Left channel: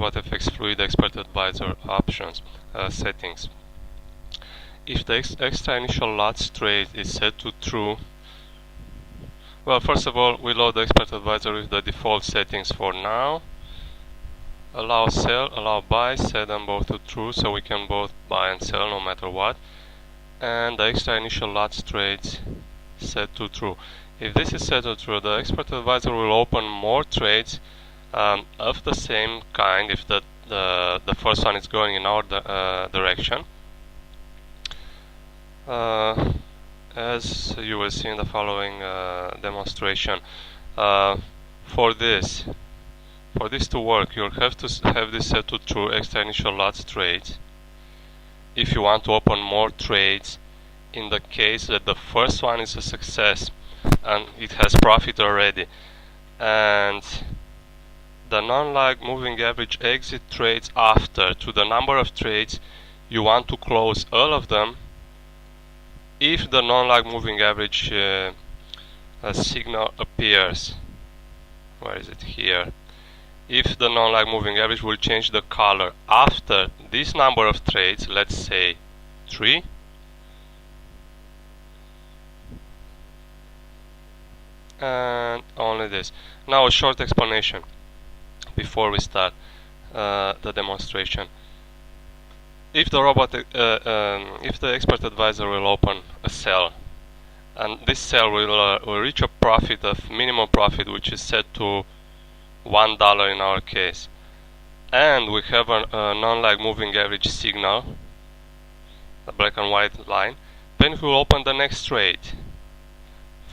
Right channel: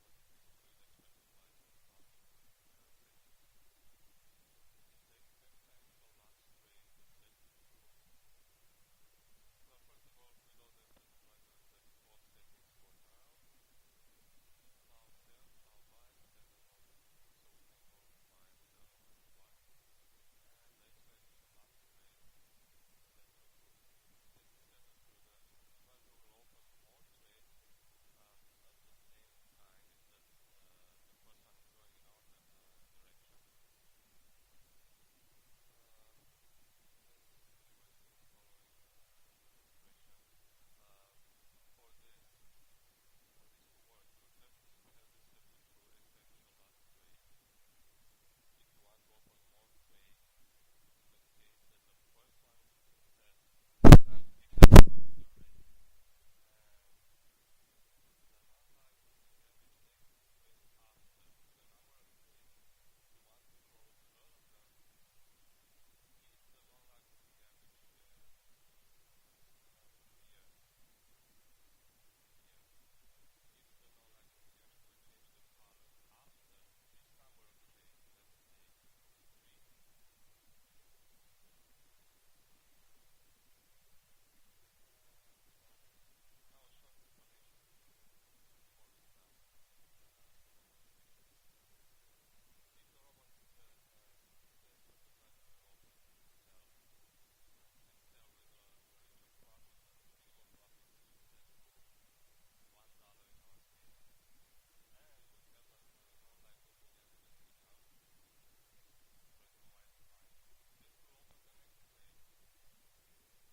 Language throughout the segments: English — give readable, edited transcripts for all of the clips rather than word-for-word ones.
RobotFX Fluid Expert Advisor options settings. If the extra initial lots trade is set to true, well, first of all, we load the Expert Advisor with the default settings for now. Allow sell, allow buy, set them both to true so we can both buy and sell no matter what. And the extra initial lots trades set to true. If this is set to true, the Expert Advisor will open more trades of the same kind if the first one is going in our direction. As you will see in the following demonstration, for this to work, you'll have to have this set to true, extra initial lots trades, if you want to open more trades in the case that the first one is a success and it has profit already, and the non-lag moving average exit trades after to the number of trades you want to close all of them if the non-lag moving average signal appears. Where is it? Here. If the non-lag moving average will change the color after this number of trades, let's say 3, and only this. Now a short explanation before we start the demonstration. If the Expert Advisor will open a sell, and this sell will reach a profit of minimum profit, which is set to $1 in our case, and we have a non-lag moving average signal, the black and white line, then we will open the next trade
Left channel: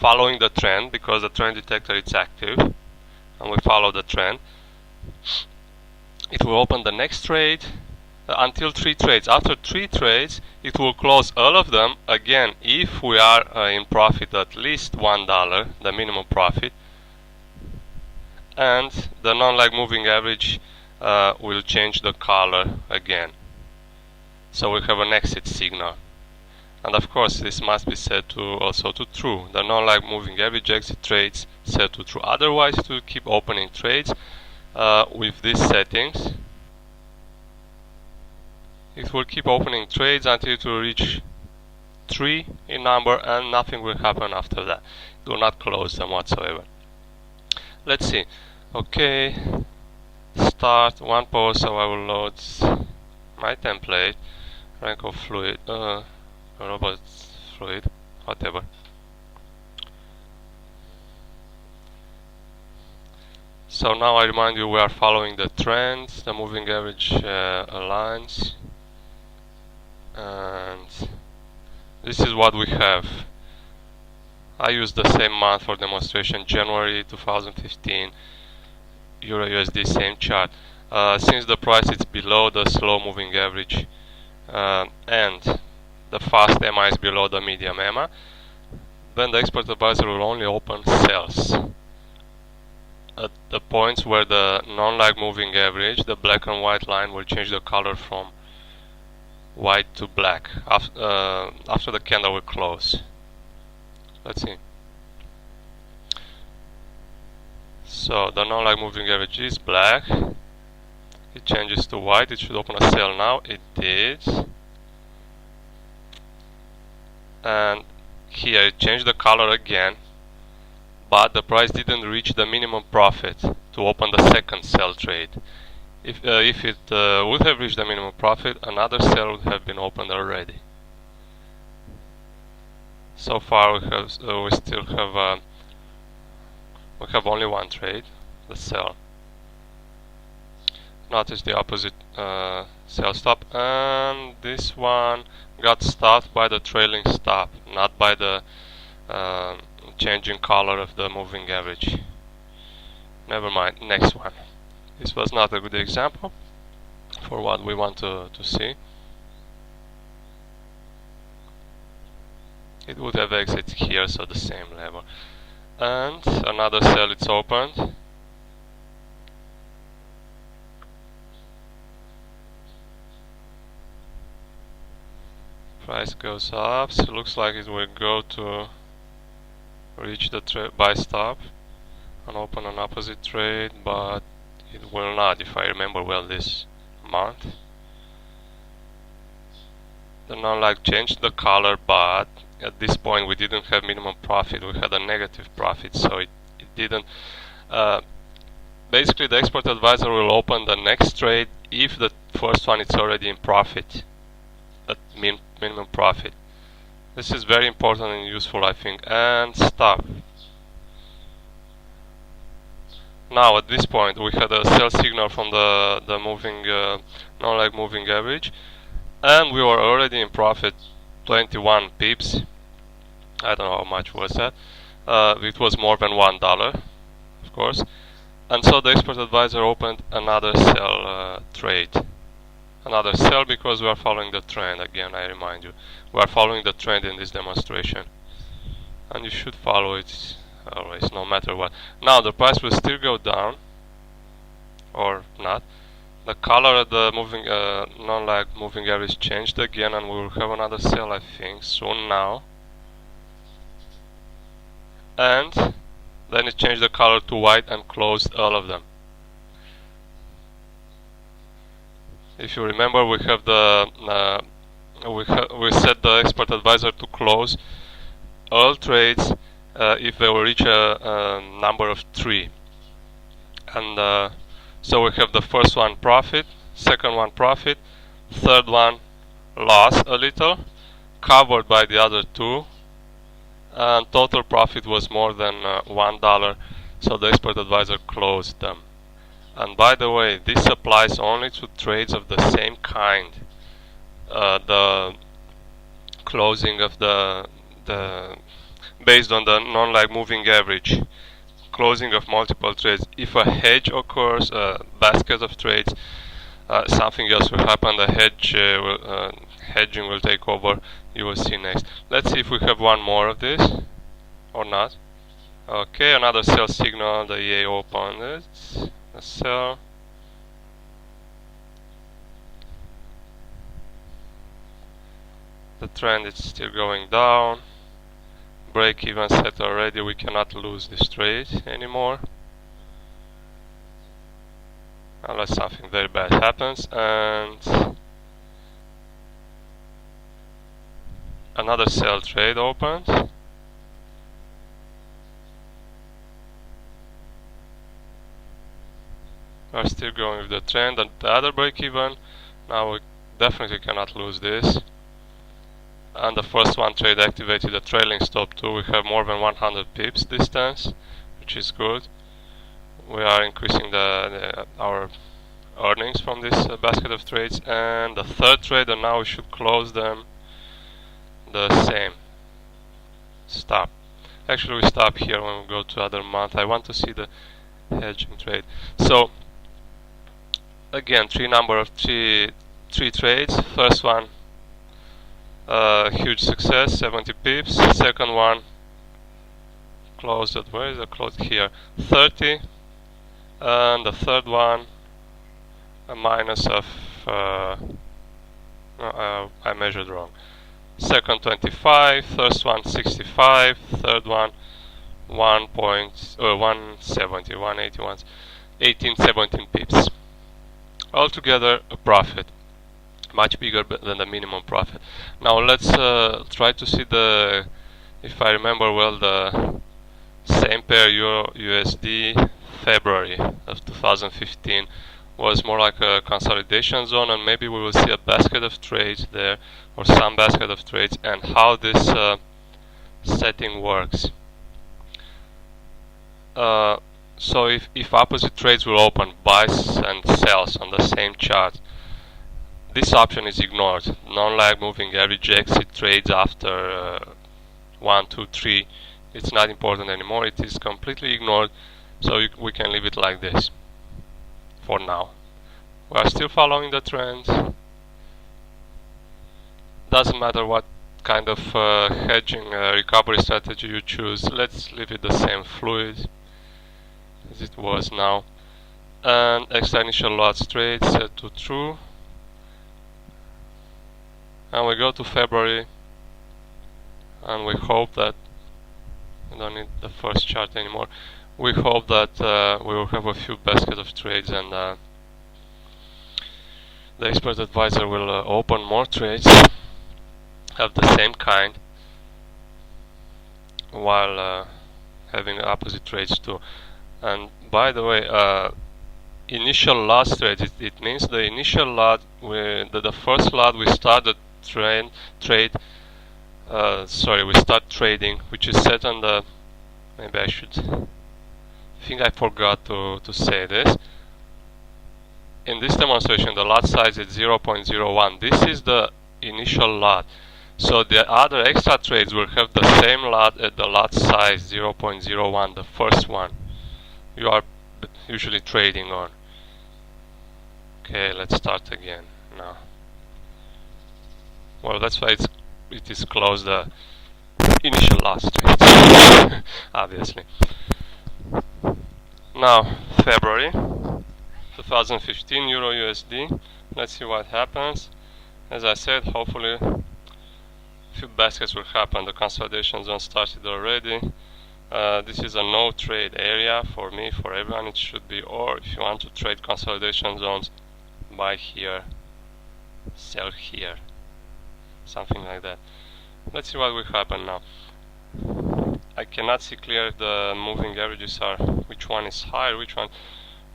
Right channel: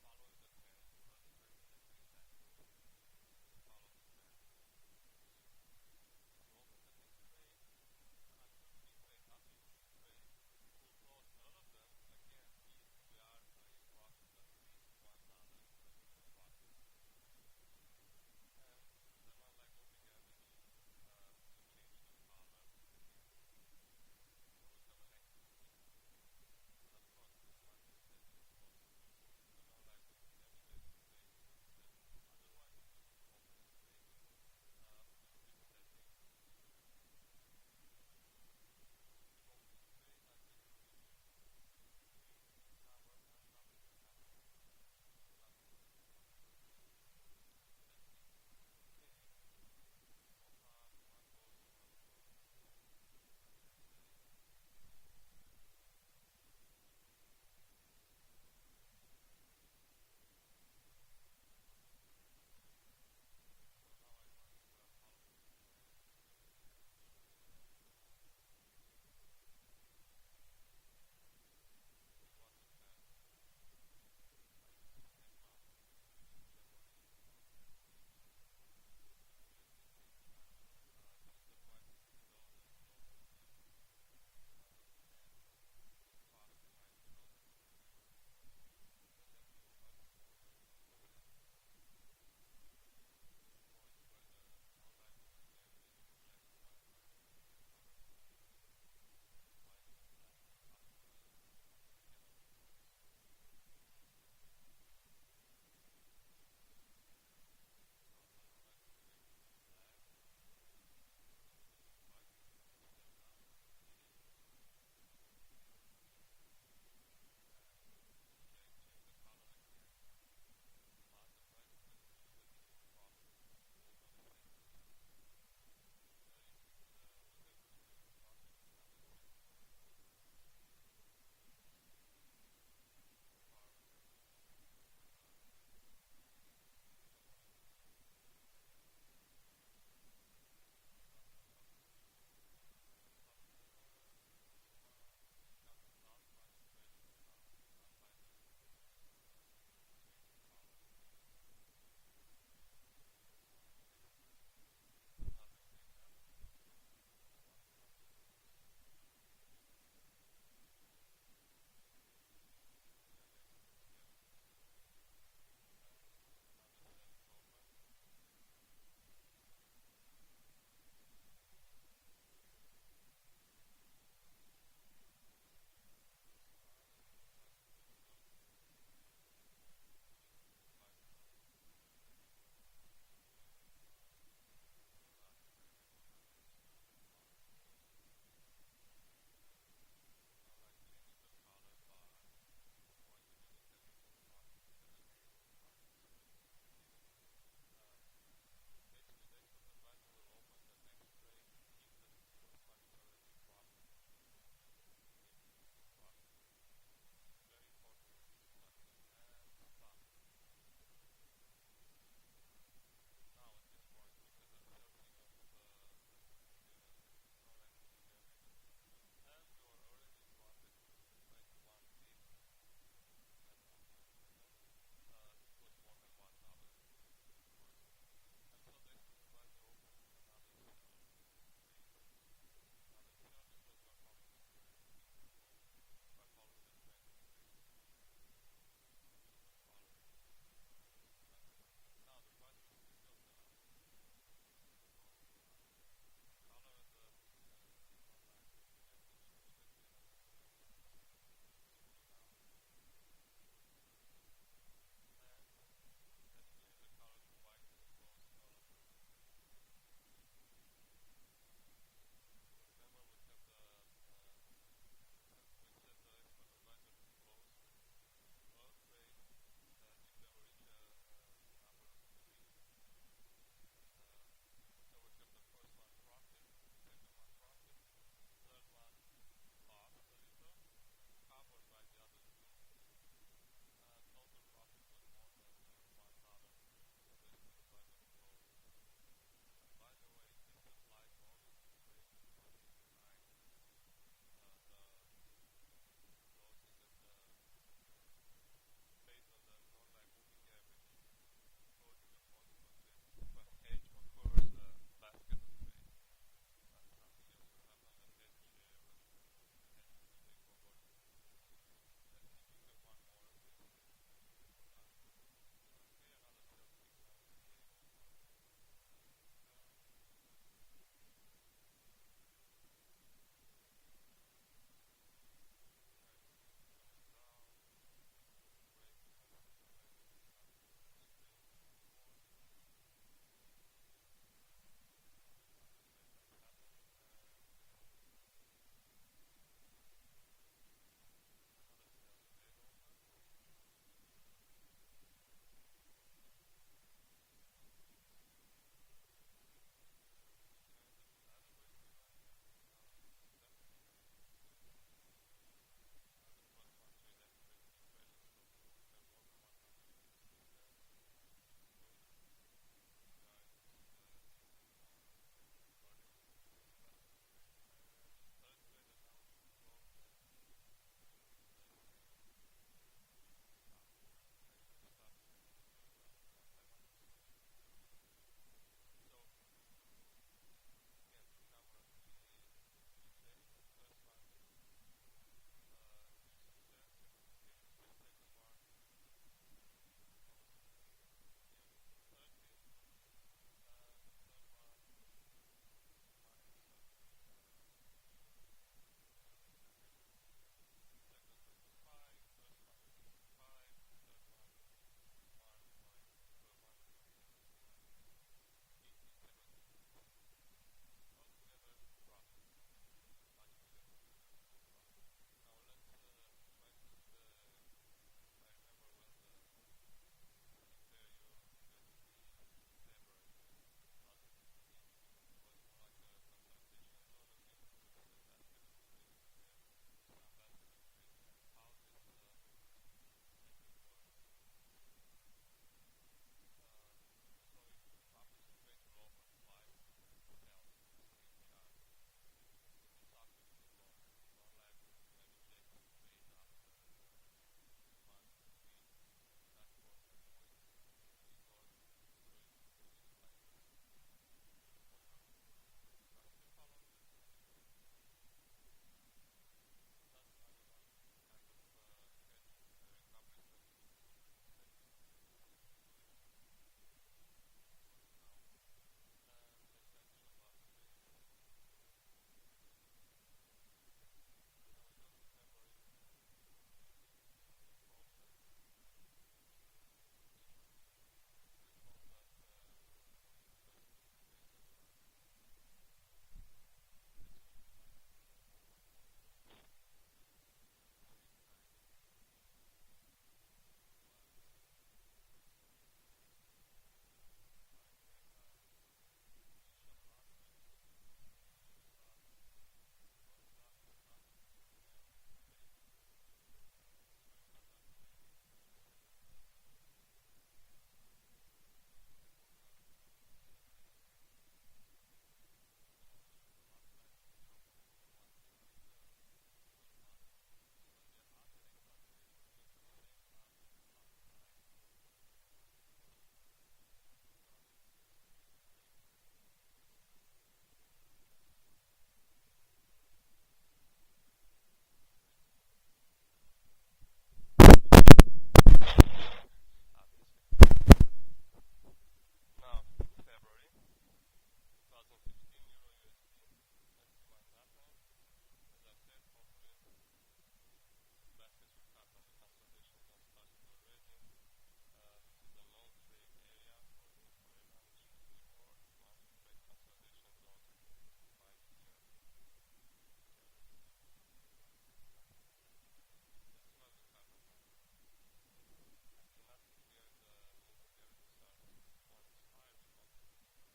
following the trend, because the trend detector is active and we follow the trend. It will open the next trade until 3 trades. After 3 trades it will close all of them again if we are in profit at least $1, the minimum profit, and the non-lag moving average will change the color again, so we have an exit signal. And of course this must be set to also to true, the non-lag moving average exit trades set to true, otherwise it will keep opening trades with these settings. It will keep opening trades until it will reach 3 in number, and nothing will happen after that. It will not close them whatsoever. Let's see. Okay, start one pose, so I will load my template, rank of fluid, robot fluid, whatever. So now I remind you we are following the trend, the moving average aligns, and this is what we have. I use the same month for demonstration, January 2015, Euro USD, same chart. Since the price is below the slow moving average and the fast EMA is below the medium EMA, then the Expert Advisor will only open sells at the points where the non-lag moving average, the black and white line, will change the color from white to black after the candle will close. Let's see. So the non-lag moving average is black, it changes to white, it should open a sell now, it did, and here it changed the color again, but the price didn't reach the minimum profit to open the second sell trade. If it would have reached the minimum profit, another sell would have been opened already. So far we still have only one trade, the sell. Notice the opposite sell stop, and this one got stopped by the trailing stop, not by the changing color of the moving average. Never mind, next one. This was not a good example for what we want to see. It would have exited here, so the same level. And another sell, it's opened. Price goes up, so it looks like it will go to reach the buy stop and open an opposite trade, but it will not, if I remember well, this month. The non-lag changed the color, but at this point we didn't have minimum profit, we had a negative profit, so it didn't. Basically the expert advisor will open the next trade if the first one is already in profit, at minimum profit. This is very important and useful, I think. And stop. Now at this point we had a sell signal from the moving non-lag moving average, and we were already in profit, 21 pips. I don't know how much was that. It was more than $1, of course. And so the expert advisor opened another sell trade. Another sell because we are following the trend. Again, I remind you, we are following the trend in this demonstration, and you should follow it always, no matter what. Now the price will still go down, or not. The color of the moving non-lag moving average changed again, and we will have another sell, I think, soon now. And then it changed the color to white and closed all of them. If you remember, we have the we set the expert advisor to close all trades if they will reach a number of 3. And so we have the first one profit, second one profit, third one loss a little, covered by the other 2, and total profit was more than $1, so the expert advisor closed them. And by the way, this applies only to trades of the same kind. The closing of the based on the non-lag moving average, closing of multiple trades. If a hedge occurs, a basket of trades, something else will happen. The hedging will take over. You will see next. Let's see if we have one more of this or not. Okay, another sell signal. The EA opened it. A sell. The trend is still going down. Break even set already. We cannot lose this trade anymore unless something very bad happens. And another sell trade opened. We are still going with the trend and the other break even. Now we definitely cannot lose this. And the first one trade activated a trailing stop too. We have more than 100 pips distance, which is good. We are increasing our earnings from this basket of trades. And the third trade, and now we should close them the same. Stop. Actually, we stop here when we go to other month. I want to see the hedging trade. So again, three trades. First one, huge success, 70 pips. Second one closed at, where is it closed? Here, 30. And the third one, a minus of no, I measured wrong. Second 25, first one 65, third one 170, 181, 18, 17 pips. Altogether a profit, much bigger than the minimum profit. Now let's try to see the, if I remember well, the same pair Euro USD February of 2015 was more like a consolidation zone, and maybe we will see a basket of trades there, or some basket of trades, and how this setting works. So if opposite trades will open, buys and sells on the same chart, this option is ignored. Non-lag moving average exit trades after 1, 2, 3. It's not important anymore. It is completely ignored. So we can leave it like this for now. We are still following the trend. Doesn't matter what kind of hedging recovery strategy you choose. Let's leave it the same, fluid as it was now. And extra initial lots trade set to true. And we go to February, and we hope that we don't need the first chart anymore. We hope that we will have a few baskets of trades, and the expert advisor will open more trades of the same kind, while having opposite trades too. And by the way, initial lots trade, it means the initial lot, the first lot we start the we start trading, which is set on the, maybe I think I forgot to say this. In this demonstration, the lot size is 0.01. This is the initial lot. So the other extra trades will have the same lot at the lot size 0.01, the first one you are usually trading on. Okay, let's start again now. Well, that's why it is closed the initial lots trades, obviously. Now, February 2015, Euro USD. Let's see what happens. As I said, hopefully a few baskets will happen. The consolidation zone started already. This is a no trade area for me, for everyone it should be, or if you want to trade consolidation zones, buy here, sell here, something like that. Let's see what will happen now. I cannot see clear if the moving averages are, which one is higher, which one.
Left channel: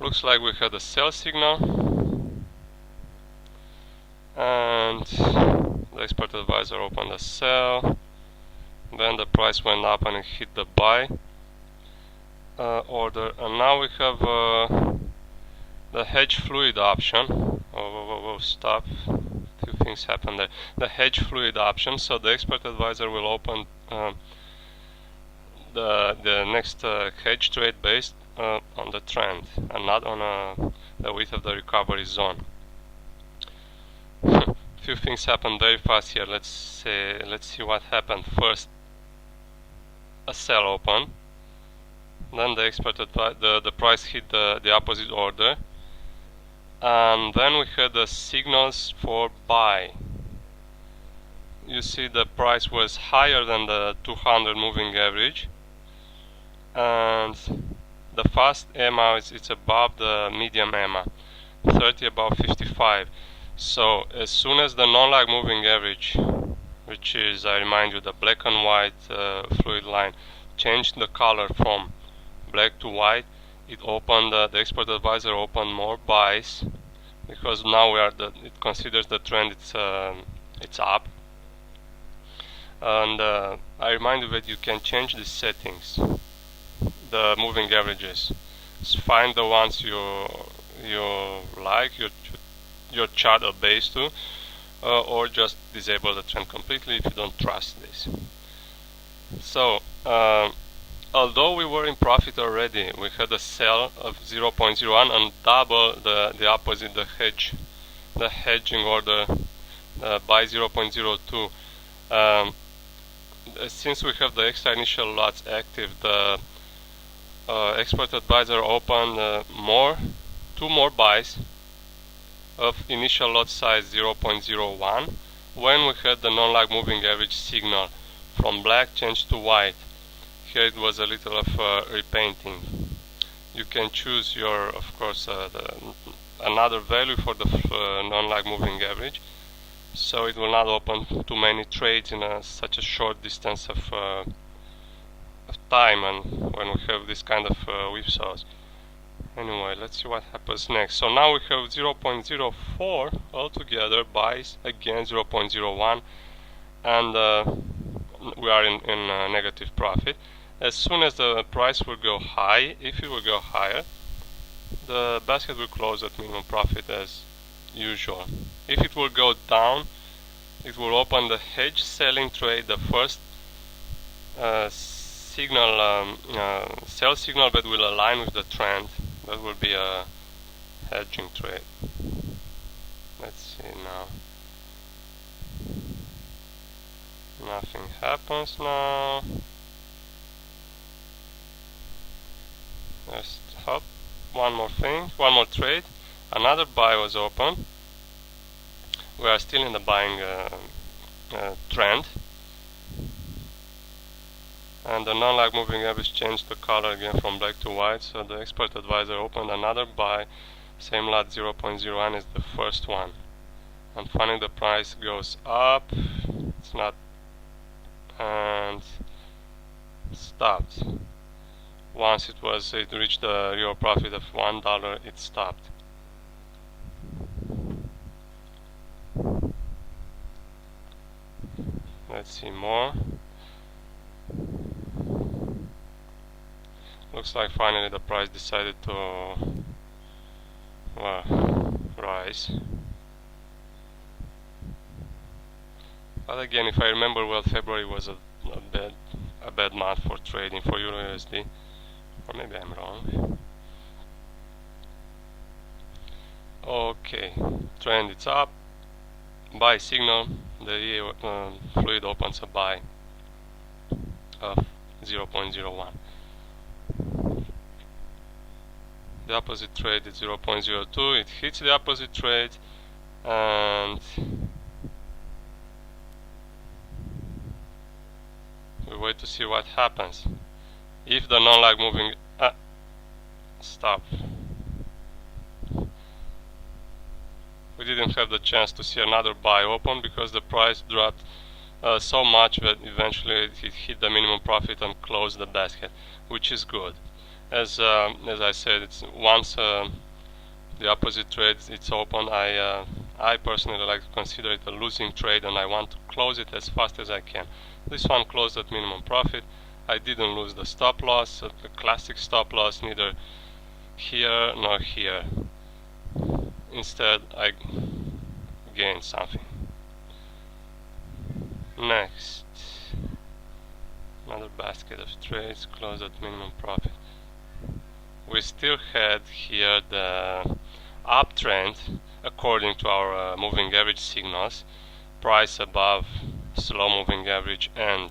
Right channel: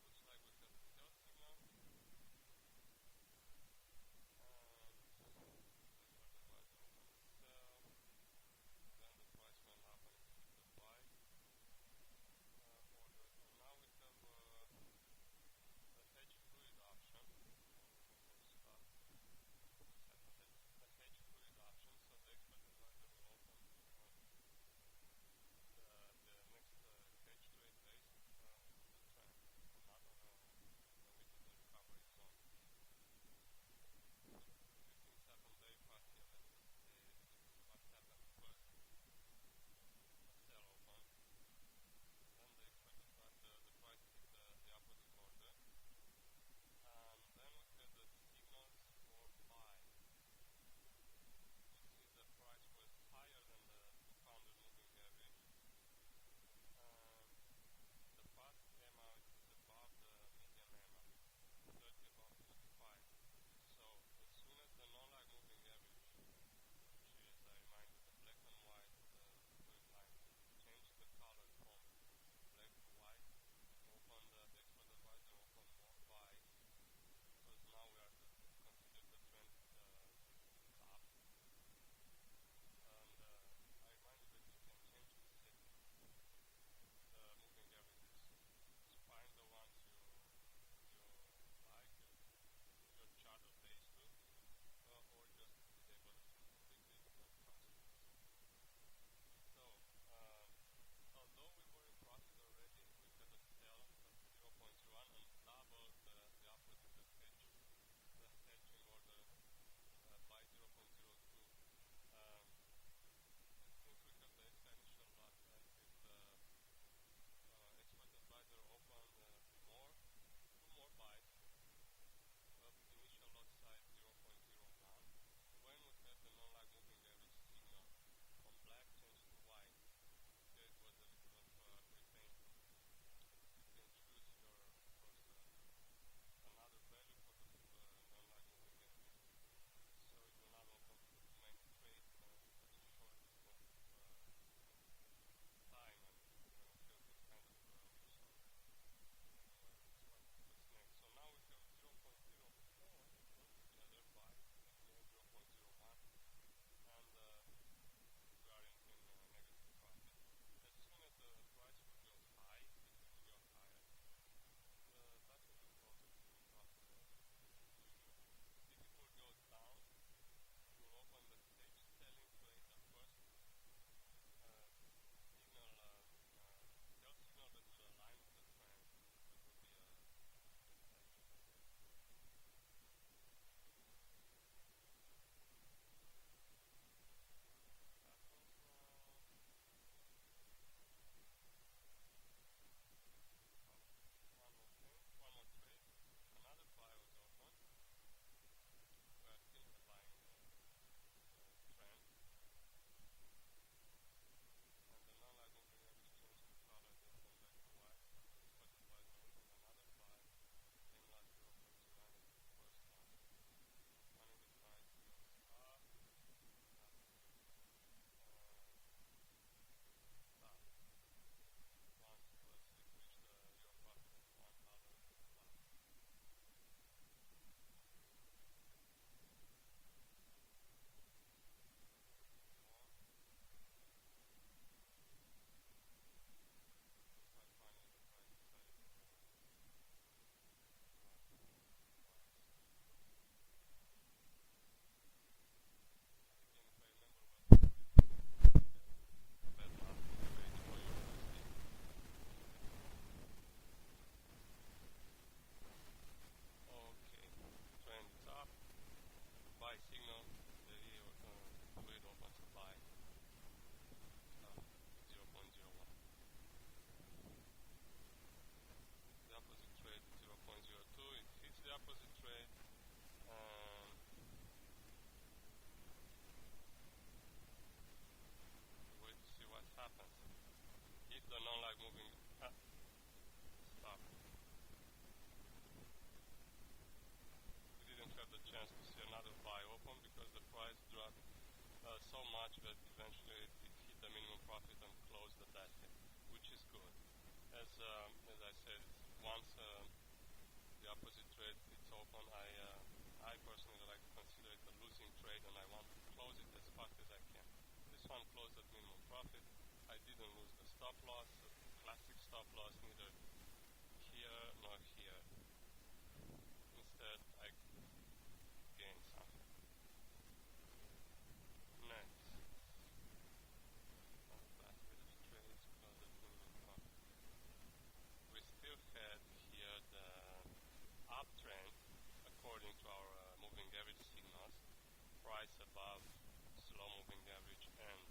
Looks like we had a sell signal, and the expert advisor opened a sell, then the price went up and it hit the buy order, and now we have the hedge fluid option. Stop, a few things happened there. The hedge fluid option, so the expert advisor will open the next hedge trade based on the trend and not on the width of the recovery zone. Few things happened very fast here. Let's see what happened. First, a sell open, then the expert the price hit the opposite order, and then we had the signals for buy. You see the price was higher than the 200 moving average, and the fast EMA it's above the medium EMA, 30 above 55. So as soon as the non-lag moving average, which is, I remind you, the black and white fluid line, changed the color from black to white, it opened the expert advisor opened more buys, because now it considers the trend it's up. And I remind you that you can change the settings, the moving averages. Just find the ones you like, your chart are based to, or just disable the trend completely if you don't trust this. So although we were in profit already, we had a sell of 0.01 and double the opposite, the hedging order by 0.02. Since we have the extra initial lots active, the expert advisor opened two more buys of initial lot size 0.01 when we had the non-lag moving average signal from black changed to white. Here it was a little of repainting. You can choose your, of course, another value for the non-lag moving average, so it will not open too many trades in such a short distance of time, and when we have this kind of whipsaws. Anyway, let's see what happens next. So now we have 0.04 altogether, buys again 0.01, and we are in negative profit. As soon as the price will go high, if it will go higher, the basket will close at minimum profit as usual. If it will go down, it will open the hedge selling trade, the first sell signal that will align with the trend. That will be a hedging trade. Let's see now. Nothing happens now. Just hop. One more thing, one more trade. Another buy was open. We are still in the buying trend. and the non-lag moving average changed the color again from black to white, so the expert advisor opened another buy, same lot 0.01 is the first one, and finally the price goes up, it's not, and stopped. Once it reached the real profit of $1, it stopped. Let's see more. Looks like finally the price decided to rise. But again, if I remember well, February was a bad month for trading for Euro USD. Or maybe I'm wrong. Okay, trend it's up. Buy signal. The EA fluid opens a buy of 0.01. The opposite trade is 0.02. It hits the opposite trade, and we wait to see what happens. If the non-lag moving stop. We didn't have the chance to see another buy open because the price dropped so much that eventually it hit the minimum profit and closed the basket, which is good. As I said, it's once the opposite trade it's open, I personally like to consider it a losing trade, and I want to close it as fast as I can. This one closed at minimum profit. I didn't lose the stop loss, the classic stop loss, neither here nor here. Instead, I gained something. Next, another basket of trades closed at minimum profit. We still had here the uptrend according to our moving average signals, price above slow moving average and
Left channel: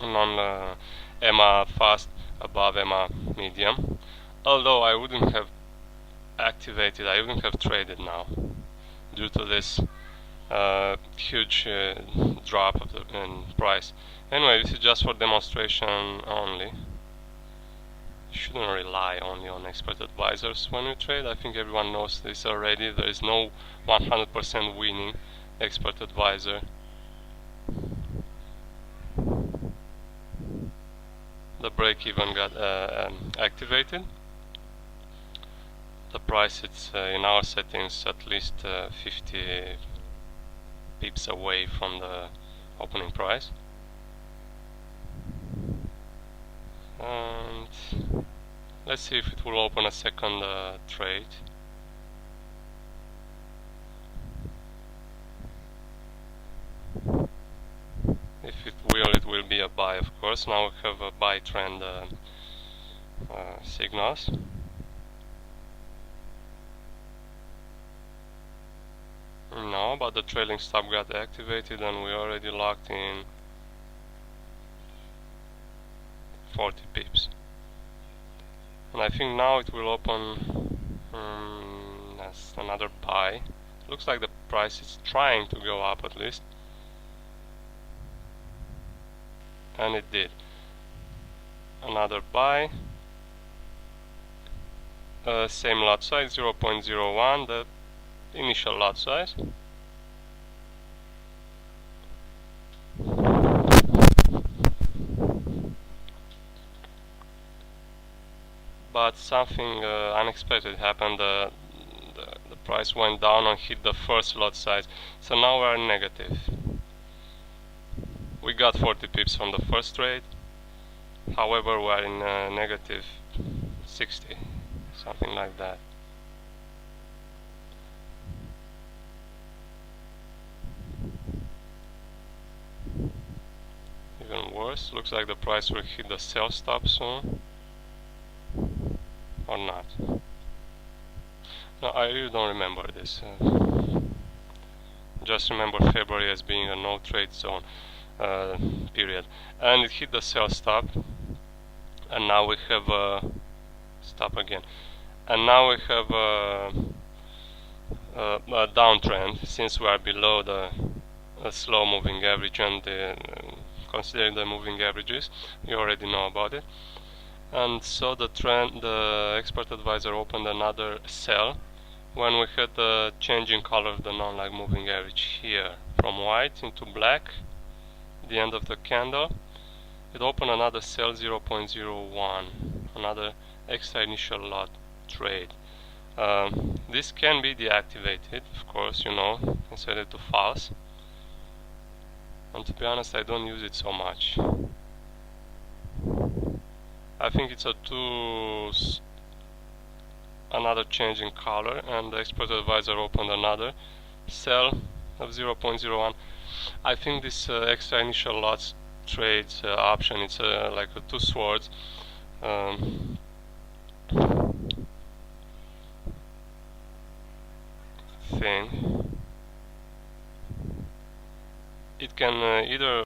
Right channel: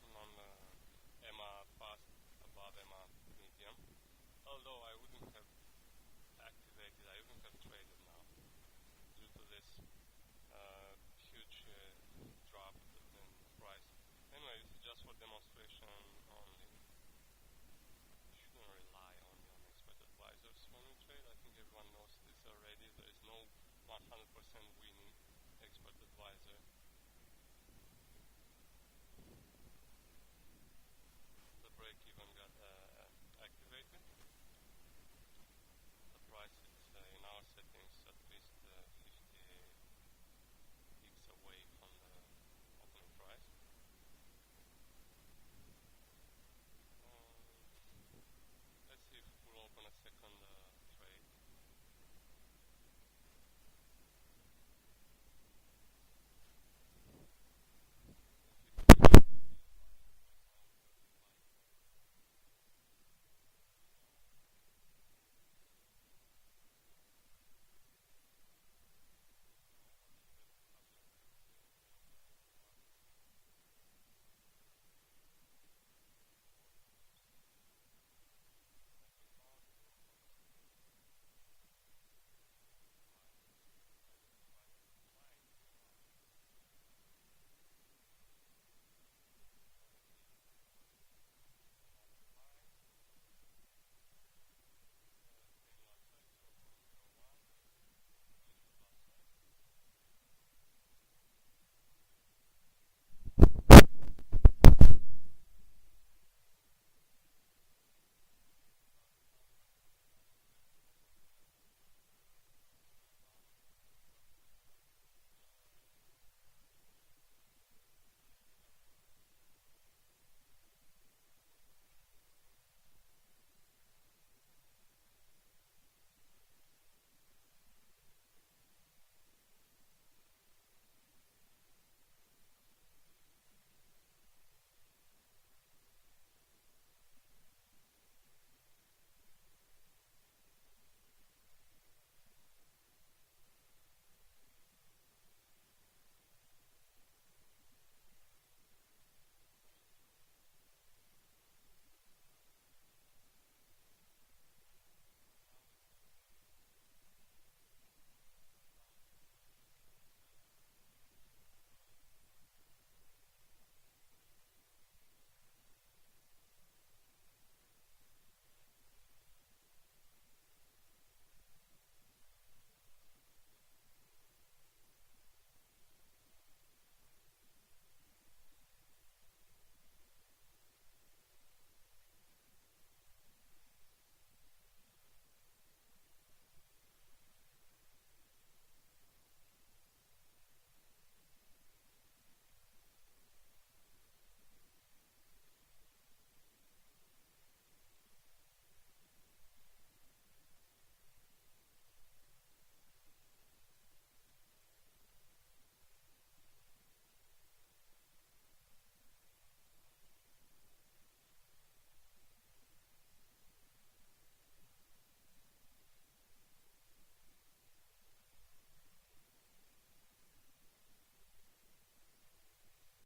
EMA fast above EMA medium. Although I wouldn't have activated, I wouldn't have traded now due to this huge drop of the price. Anyway, this is just for demonstration only. You shouldn't rely only on expert advisors when you trade. I think everyone knows this already. There is no 100% winning expert advisor. The break even got activated. The price it's in our settings at least 50 pips away from the opening price. And let's see if it will open a second trade. If it will be a buy, of course. Now we have a buy trend signals. No, but the trailing stop got activated and we already locked in 40 pips. And I think now it will open as another buy. Looks like the price is trying to go up at least. And it did. Another buy. Same lot size, 0.01, the initial lot size. But something unexpected happened. The price went down and hit the first lot size. So now we are negative. We got 40 pips from the first trade. However, we are in negative 60, something like that. Even worse, looks like the price will hit the sell stop soon. Or not. No, I really don't remember this. Just remember February as being a no trade zone period. And it hit the sell stop. And now we have a stop again. And now we have a downtrend since we are below the slow moving average and the considering the moving averages. You already know about it. And so the expert advisor opened another sell when we had the change in color of the non-lag moving average here from white into black, the end of the candle. It opened another sell 0.01, another extra initial lot trade. This can be deactivated, of course, you know, and set it to false. And to be honest, I don't use it so much. I think it's another change in color, and the expert advisor opened another sell of 0.01. I think this extra initial lots trades option, it's like a two swords. Thing. It can either